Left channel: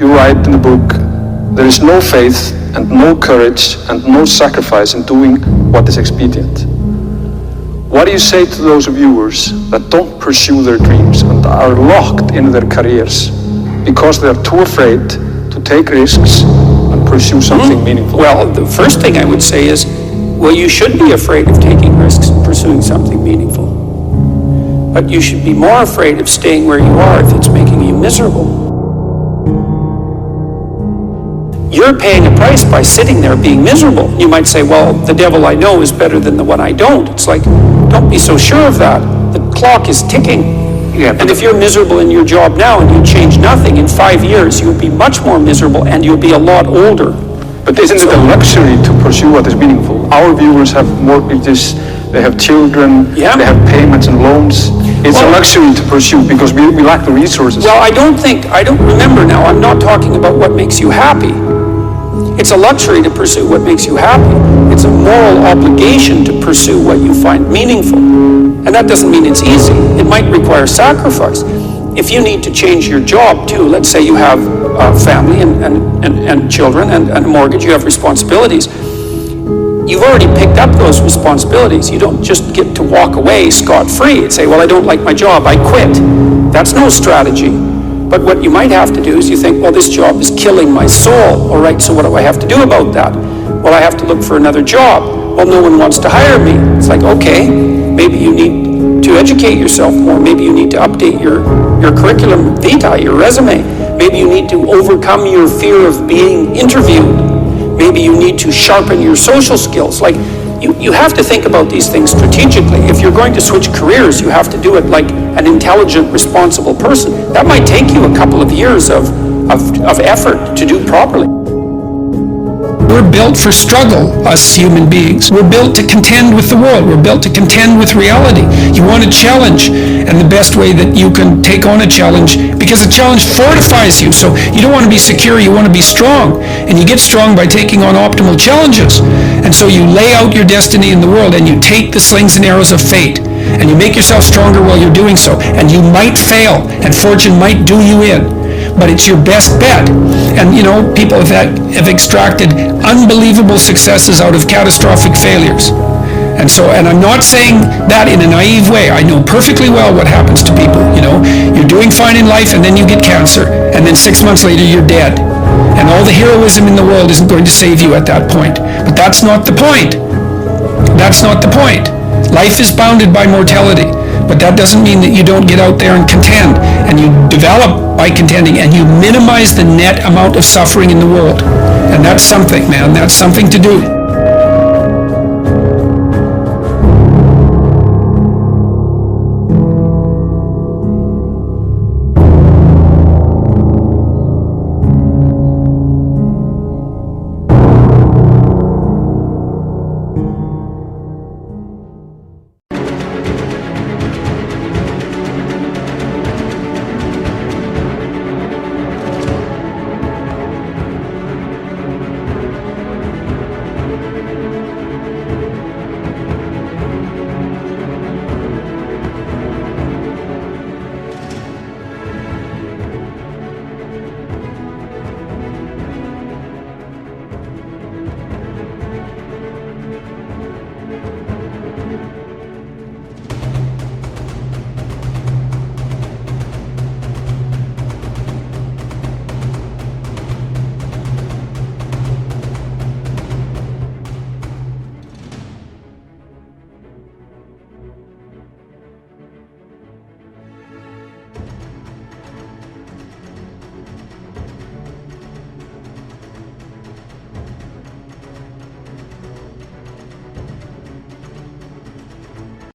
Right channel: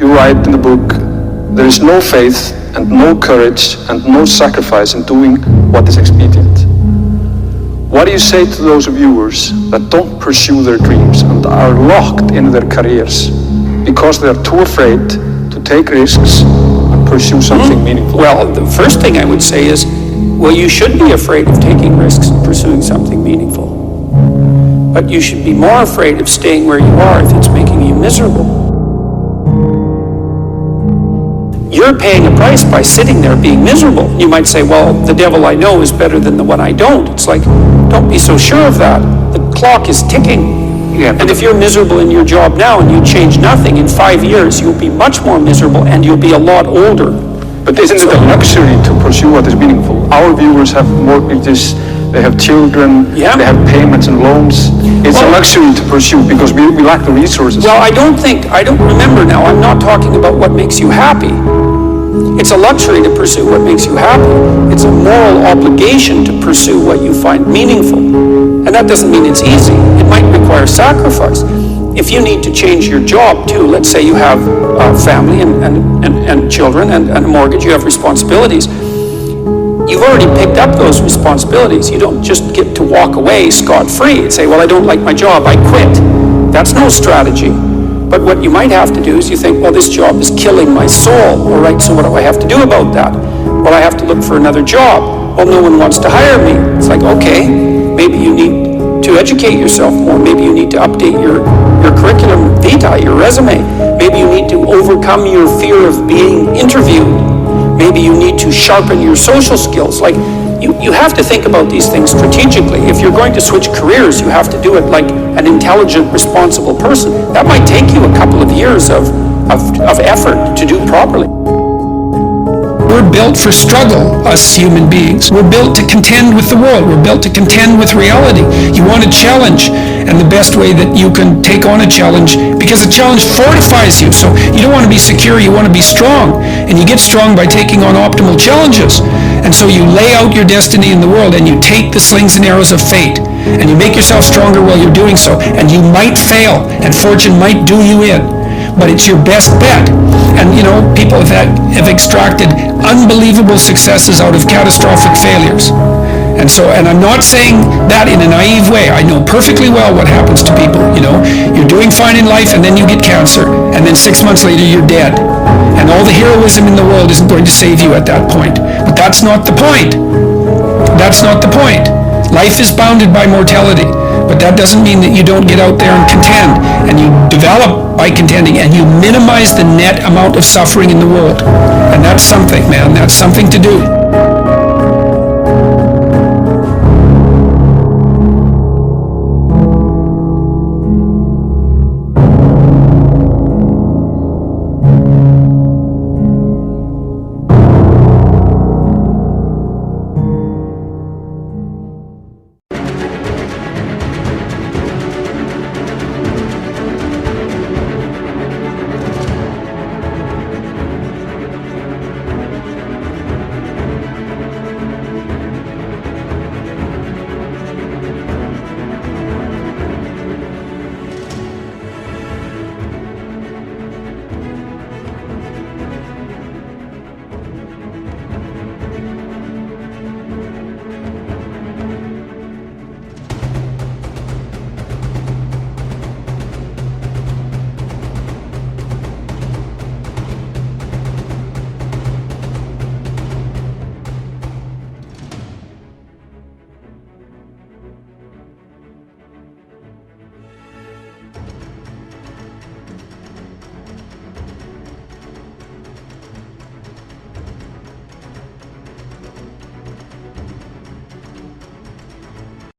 You write in the book, there is no faith and no courage and no sacrifice in doing what is expedient. What do you say to those viewers that don't pursue their dreams and are locked in their careers because they are too afraid to take risks and pursue something meaningful? Well, the first thing I would say is, well, you should be afraid of taking risks and pursuing something meaningful. But you should be more afraid of staying where you are if it's making you miserable. You're paying a price by sitting there being miserable. You might say, well, the devil I know is better than the one I don't. It's like, don't be so sure of that. The clock is ticking. Yeah, and if you're miserable in your job now and you change nothing, in 5 years you'll be much more miserable and you'll be a lot older. But isn't it a luxury to pursue what is meaningful? Our viewers have mortgages, they have children, Yeah. they have payments and loans. It's a luxury to pursue because we lack the resources. Well, I don't remember now, I'm not talking about what makes you happy. It's a luxury to pursue what makes you happy. It's a moral obligation to pursue what you find meaningful. And that doesn't mean it's easy. It might require sacrifice. If you need to change your job too, let's say you have a family and children and a mortgage, you have responsibilities. You've already picked up those responsibilities. You don't just get to walk away scot-free and say, well, I don't like my job, I quit. That's no strategy. But what you might have to do is you think, well, this job is killing my soul. All right, so what do I have to do about that? Well, I have to look for another job. Well, no one wants to hire me. It's like, okay, maybe you need to educate yourself more. Maybe you need to update your curriculum vitae, your resume. Maybe you need to overcome your fear of being interviewed. Maybe you need to sharpen your social skills. Like, you have to think about these things strategically. If you're going to switch careers, you have to do it like an intelligent, responsible person. That might take you a couple of years of effort to do properly. We're built for struggle, us human beings. We're built to contend with the world. We're built to contend with reality. You want a challenge, and the best way that you can take on a challenge, because a challenge fortifies you. So you don't want to be secure, you want to be strong. And you get strong by taking on optimal challenges. And so you lay out your destiny in the world, and you take the slings and arrows of fate, and you make yourself stronger while you're doing so. And you might fail, and fortune might do you in. But it's your best bet. And you know, people have extracted unbelievable successes out of catastrophic failures. And I'm not saying that in a naive way. I know perfectly well what happens to people. You know, you're doing fine in life and then you get cancer, and then 6 months later you're dead. And all the heroism in the world isn't going to save you at that point. But that's not the point. That's not the point. Life is bounded by mortality. But that doesn't mean that you don't get out there and contend, and you develop by contending, and you minimize the net amount of suffering in the world. And that's something, man. That's something to do.